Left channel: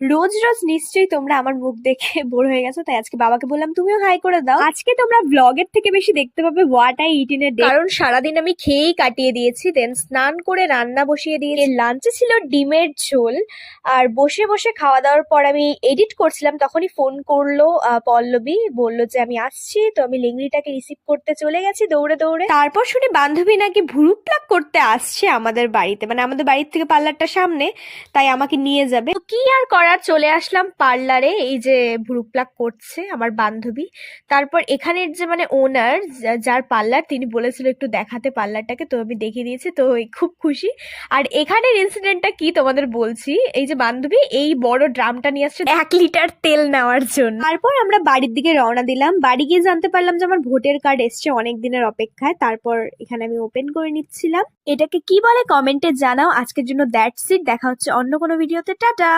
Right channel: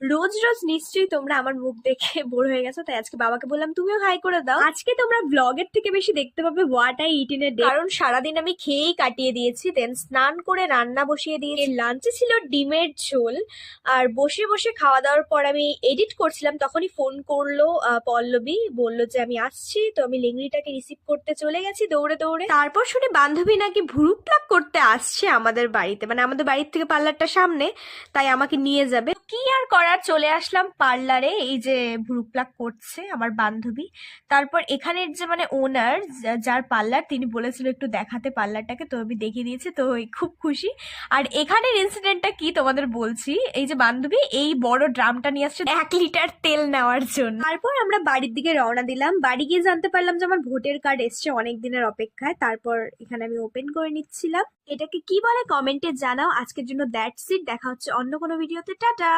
রোজ রোজ নিশ্চয়ই তোমরা আমার মুখ দেখে বোর হয়ে গেছো, তাই আজকে বাবাকে বললাম তুমিও হাই করে দাও। আজকে তোমরা ব্লগের থেকে বেশি দেখতে পাবে what I it in a day, কারণ সারাদিন আমি খেয়েই কাটিয়ে দিয়েছি। দেন স্নান করে রান্না বসিয়ে দিয়েছি। লাঞ্চে ছিল ডিমের ঝোল। আর বসে বসে খাওয়া দাওয়ার পর আমি এডিট করছিলাম, তখনই ফোন করলো পল্লবী, বললো যে আমি আসছি। তো আমি লেংড়িটাকে রিসিভ করতে চলে গেছি দৌড়ে দৌড়ে। তারপর শুনি বান্ধবী নাকি ভুরু প্লাক করতে আসছে আমাদের বাড়িতে, মানে আমাদের বাড়ির থেকে পার্লারটা সামনে, তাই আমাকে নিয়ে যাবে। তো কি আর করার, চলে আসলাম পার্লারে। এই যে ভ্রু প্লাক করছে আমার বান্ধবী। তারপর এখানের যে মানে ওনার, যার পার্লার, তিনি বলেছিল একটু দেখাতে পার্লারটাকে, তো আমি দেখিয়ে দিয়েছি। তো খুব খুশি। আর এখানের ইনসিডেন্টটা কি তোমাদের বলছি। এই যে বান্ধবী এই বড় ড্রামটা নিয়ে আসছে 1 লিটার তেল নেওয়ার জন্য। তারপর আমরা বাড়ির দিকে রওনা দিলাম। বাড়ি গিয়ে জানতে পারলাম যে আমার ভোটের কার্ড এসছে অনেক দিনের অপেক্ষায়। তারপর এখানে আমি ওপেন করে নিচ্ছিলাম। এটাকে কি বলে কমেন্টে জানাও। আজকের জন্য দ্যাটস ইট, দেখা হচ্ছে অন্য কোনো ভিডিওতে। টাটা।